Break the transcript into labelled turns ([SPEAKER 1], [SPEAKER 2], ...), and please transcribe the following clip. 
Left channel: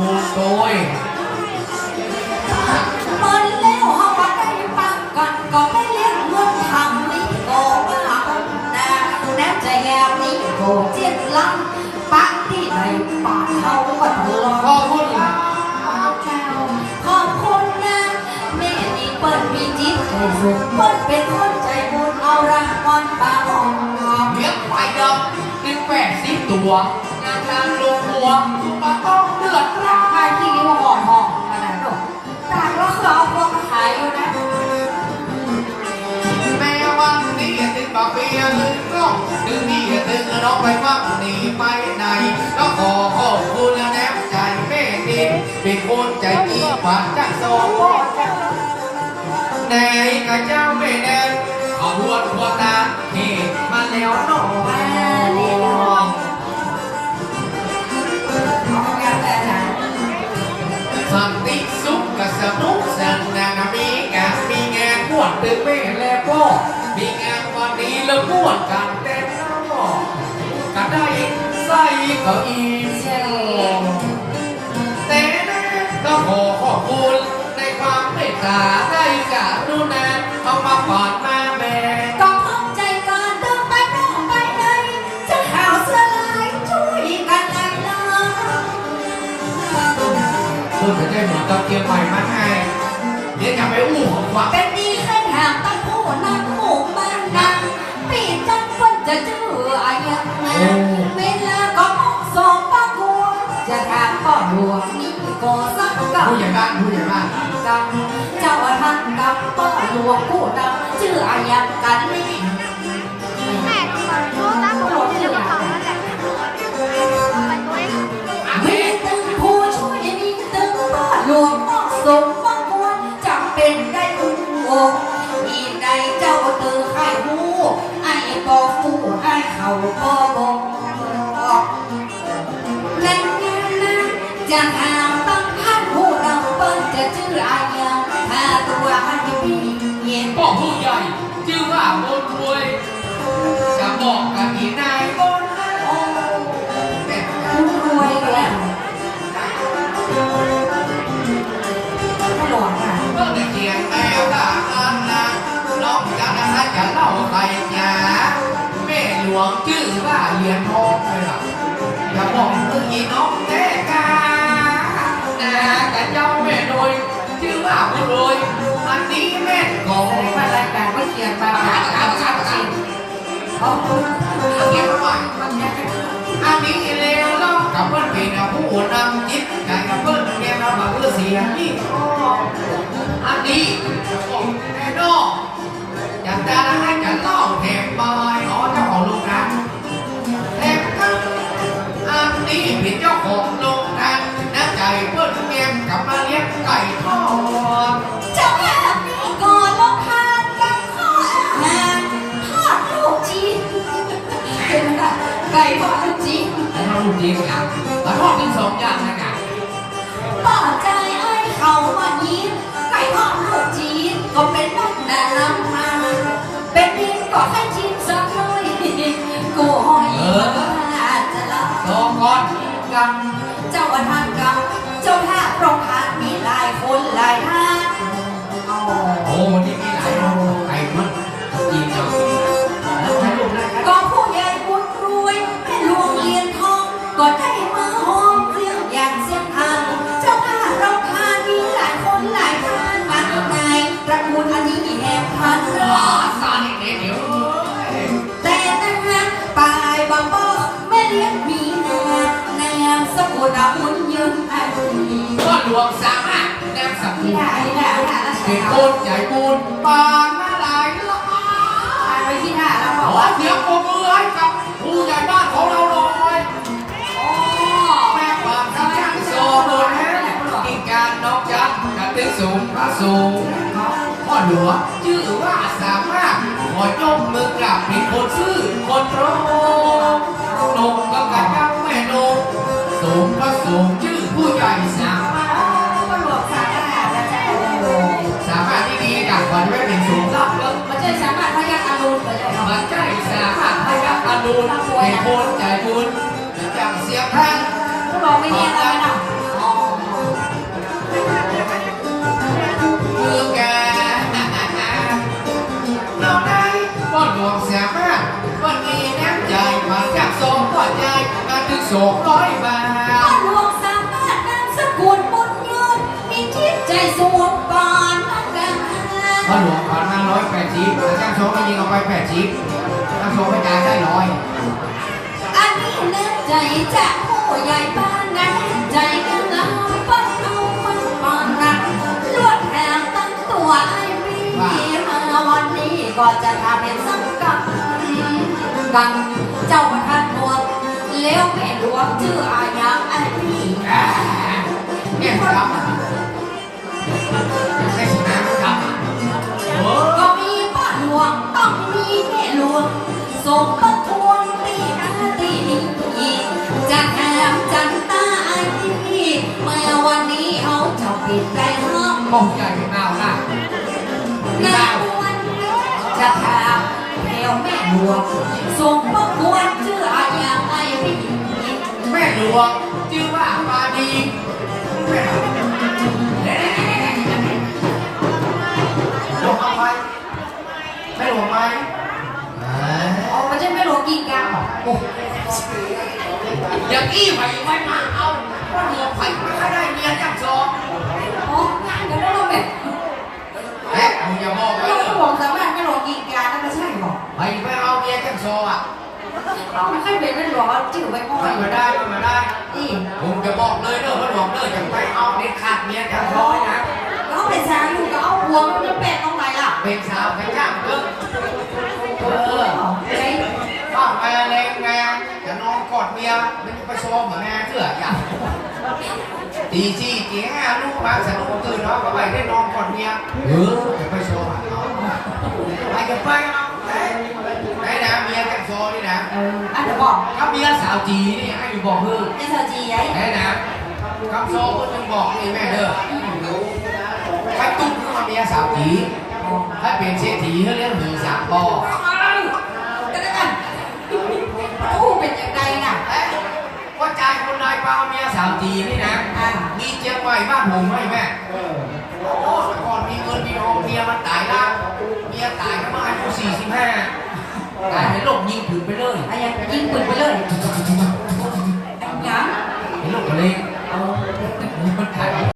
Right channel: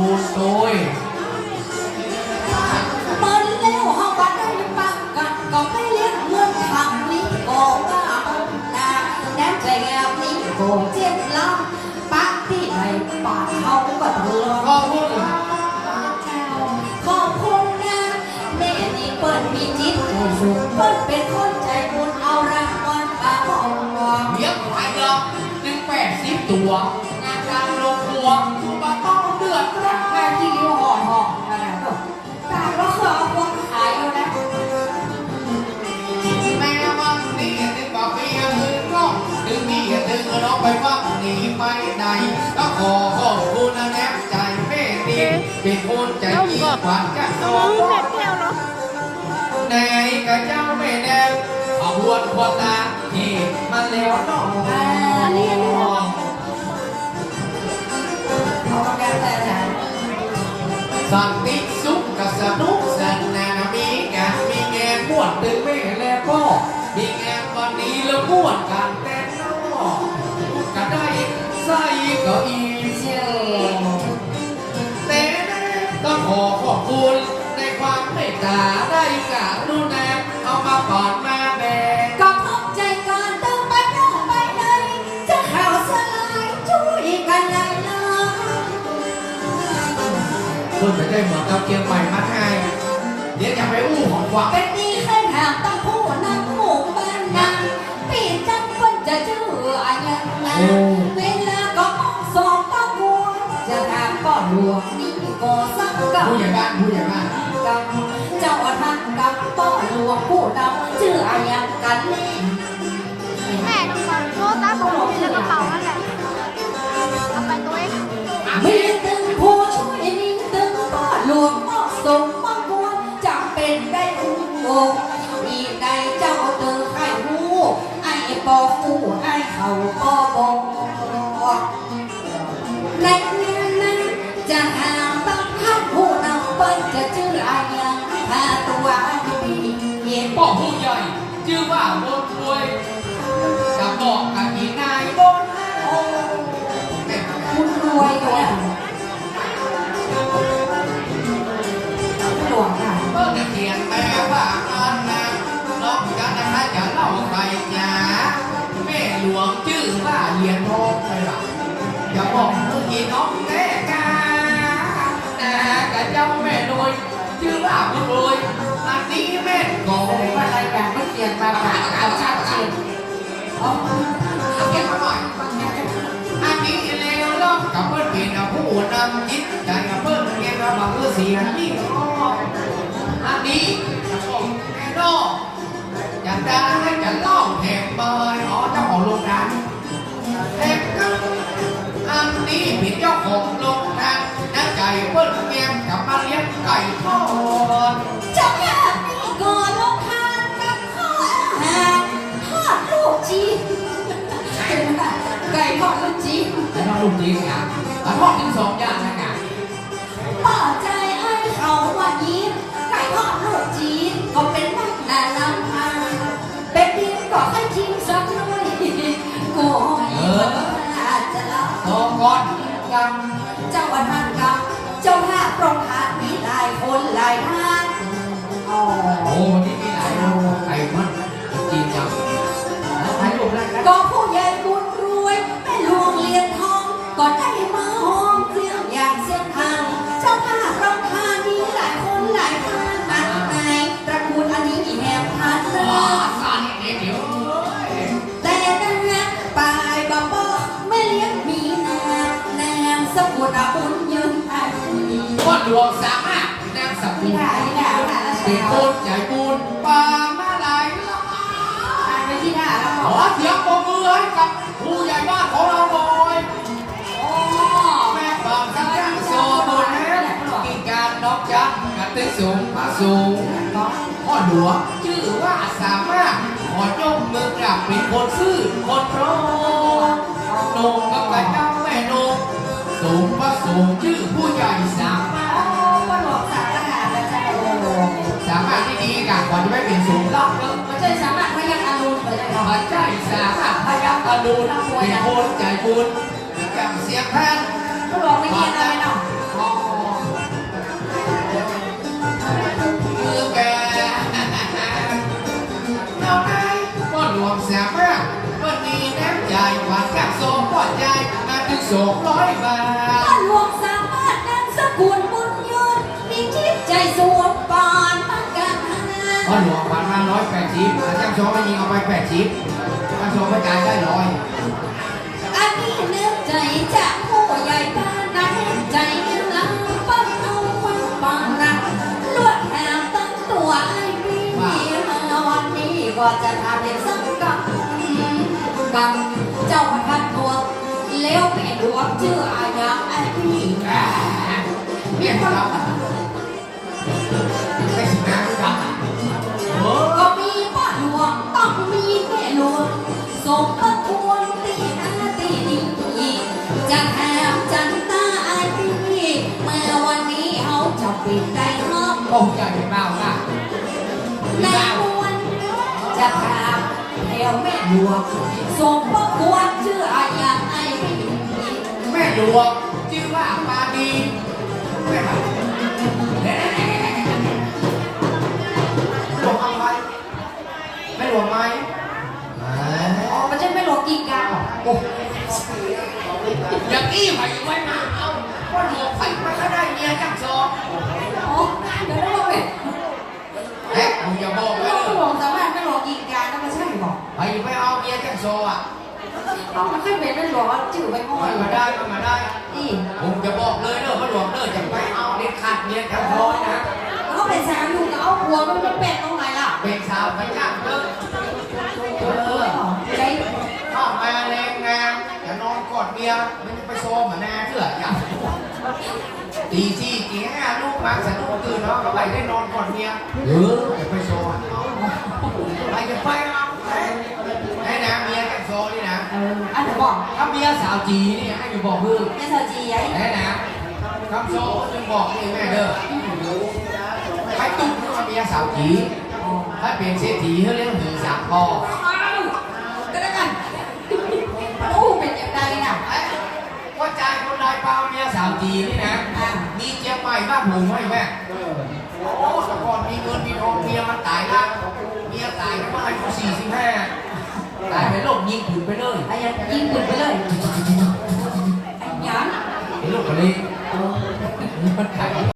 [SPEAKER 1] มูลโดย
[SPEAKER 2] เปิดแล้วเฮาก็ได้ปังกันก็ได้เลี้ยงเงินทำนี่ก็ว่าองนาน้ำใจงามนี่ก็เจ็ดล้านปักที่ไหนปาเฮาก็ทะเลาะ
[SPEAKER 1] ขอบคุณครับ
[SPEAKER 2] ขอบคุณนะแม่นี่เปิดมีจิตเปิ้ลเป็นคนใจบุญเอารางวัลป่าองดอก
[SPEAKER 1] เลี้ยงควายดอกจึงแปดสิบตัว ลือดร้อน
[SPEAKER 2] ถ้ที่ว่าหอนหอกนั่นแหละลูกตามแล้วคือเอาพวกขายอยู่นะ
[SPEAKER 1] แม้วันนี้ถึงบาเบียถึงร้องถึงนี่ถึงน้องไปฟังหนีไปไหนแล้วขอขอบคุณนะแนบใจแม่ดินเป็นคนใจดีกว่าจักสองแน่กับเจ้าแม่แน่ขบวนพอตาเหตุมาแล้วน้อง สันติสุขกับสนุกสันนานมีงานมีงานมวนตึงแม่และพ่อมีงานวันนี้แล้วมวนกันเต้นน้อกันได้ใส่ก็อีเซลแต่ต้องขอขอบคุณในความเมตตาได้กรุณา คุณไม่ได้เหมือนกับเกียร์ใหม่มาไงเดี๋ยวจะไปอู้ของขวัญ
[SPEAKER 2] เป็นดีขึ้นหางต้องผู้นำหมู่บ้านนั้นปีจันคนจะชื่ออายุนะเวลาก็มองสองปะกัวจะถามก็หลวงนี่ก็สักกับ
[SPEAKER 1] ผู้ใหญ่บ้านผู้ใหญ่บ้าน
[SPEAKER 2] กันเจ้าท่านกับป้อหลวงผู้ดำชื่ออายังกันนี่
[SPEAKER 3] แม่เปิดโทรศัพท์ของผม ลวง
[SPEAKER 2] ออกสมประกวนจำเป็นได้อุ้งโงมีใดเจ้าเตือไข่หูไอ้ปอฟูไอ้เขาปอบงนั่นนั่นจะถามต้องพัดผู้นำเปิ้ลจะชื่ออายังถ้าตัวให้พี่เย็น
[SPEAKER 1] พ่อผู้ใหญ่ชื่อว่าบนรวยจะบอกกับอีน เหรียญทองไปหรออย่าบอกเมื่อกี้น้องแม่กานากับเจ้าแม่รวยชื่อว่าบุญรวยอันนี้แม่กอง
[SPEAKER 2] มารายการก็เขียนมาหาเอาชัดเจนอ๋อ
[SPEAKER 1] เก็บไว้ก่อนอันนี้เลวล้อกับเพื่อนเป็นผู้นำจิตใจเพื่อนเรียนมาบอกเสียนี่อันนี้บอกแม่นอกอยากจะให้จะเล่า นเมียกับมาเลี้ยงไก่ทอด
[SPEAKER 2] เจ้าแม่นี่ก่อนลงทานกับข้าวอาหารทอดลูกจีนเป็นไงไก่ทอดลูกจีน
[SPEAKER 1] แต่ถ้าลูกจริงอะ
[SPEAKER 2] ท่าต สา
[SPEAKER 1] มารถแนมสับ
[SPEAKER 2] ที่ไหนแล้วนะ
[SPEAKER 1] เป็นคนใหญ่บุญปานมาหลายล้าน
[SPEAKER 2] อ่านไปที่หน้าแล้ว
[SPEAKER 1] ข
[SPEAKER 2] อ
[SPEAKER 1] เสียงปรบมือให้กับผู้ใหญ่บ้านของเราหน่อย
[SPEAKER 2] โอ้
[SPEAKER 1] แม่ปานทั้งย่างโซบนกินการนอกจักกับตึกสูงพระสูงพ่อหลวงชื่อว่าสามารถขอยกมือกราบเป็นคนซื่อคนโรงนงกับกันเจ้าแม่นงสูงพระสูงชื่อผู้ใหญ่สาม บุญเป็
[SPEAKER 2] นบุใจบุญจำเสียงท่านผู้บอ
[SPEAKER 1] กไม่เงียบเลยเนาะกาน้อได้ป้หลงแสมากวั
[SPEAKER 2] นี้น้ำใจหวานจากสองก้อนใจมาถึงสองร้อยบาท
[SPEAKER 1] ป้อหลวงสามารถนำสกุลบุญยืนมีจิตใจสวมก่อน
[SPEAKER 2] กันพ่อหลวงพันห้าร้อยแปดสิ
[SPEAKER 1] บอาจารย์สองได้ยิงออกไปแปดสิบ ได้ร้อย
[SPEAKER 2] อันนี้นึกใจจากผู้ใหญ่บ้านนั้นใจกันลำปั้นเอามันปองรักเลือดแทงตั้งตัวไอ้พี่มาวันนี้ก็จะทำเป็นสังกัดกัง เขาจะปิดได้ห้อง
[SPEAKER 1] คงใจเป็นเน่าค่ะ
[SPEAKER 2] นางนวลจะถามเทวแม่หลวงส่งประกวดชื่ออาญาไอ้พี่
[SPEAKER 1] แม่หลวงชื่อว่าปาดีแม่ ยเป็
[SPEAKER 2] นแม่หลวงว่าชื่อไม่ค่อ
[SPEAKER 1] มั
[SPEAKER 2] ย
[SPEAKER 1] นมาได้มันมาได้
[SPEAKER 2] นี่
[SPEAKER 1] ผมจะบอกเลยเด้อว่าหลวงเด้อจะไปเอาเด็ดขาดเมียจังซองนะ
[SPEAKER 2] เขาเป็นสาวอยู่กับเอาหัวมันจะเป็ดตรงไหนล่ะ
[SPEAKER 1] เป็นสาวไปจ้างเด้อเออ
[SPEAKER 2] ไอ้
[SPEAKER 1] ข้าวไปแรงแรงจะนอนกอดเมียมันจะไปโซมเหมือนแม่เพื่ออย่างตีสี่ตีห้าลูกมาสนุกตื่นแล้วก็ไปได้นอนกอดเมียเออจะไปโซมอะเนาะไปกันไปไอ้นะเมียจังโซนี่นะ
[SPEAKER 2] เอออันเดี๋ยวบอก
[SPEAKER 1] ถ้าเมียสาวจีนี่ให้อยู่บอกเพื่อ
[SPEAKER 2] ในสาวจีไอ้
[SPEAKER 1] ไอ้นะคำโซก็จะบอกนี่แม่เด้อใครตุ้มขึ้นมาเมียสาวจีถ้าเป็นเศรษฐีเขาเรียกหีสามปอ
[SPEAKER 2] กันแล้วกันโอ้เป็นยังไงน่ะ
[SPEAKER 1] เอ้ยว่าใจคนไรฟังเมียสาวจีนี่นะมีเจียงใหม่บ้านผมไหมแม่โอ้แต่ก่อนมีเงินมีทองเมียมันตายแล้วเมียตายก็มาอายุสี่สิบห้า ตายเป็นโรคยิงผืนไปเลย
[SPEAKER 2] ไอ้ยังยิงปืนไปเลยไอ้หยัง
[SPEAKER 1] เป็นโรคอะไรมันต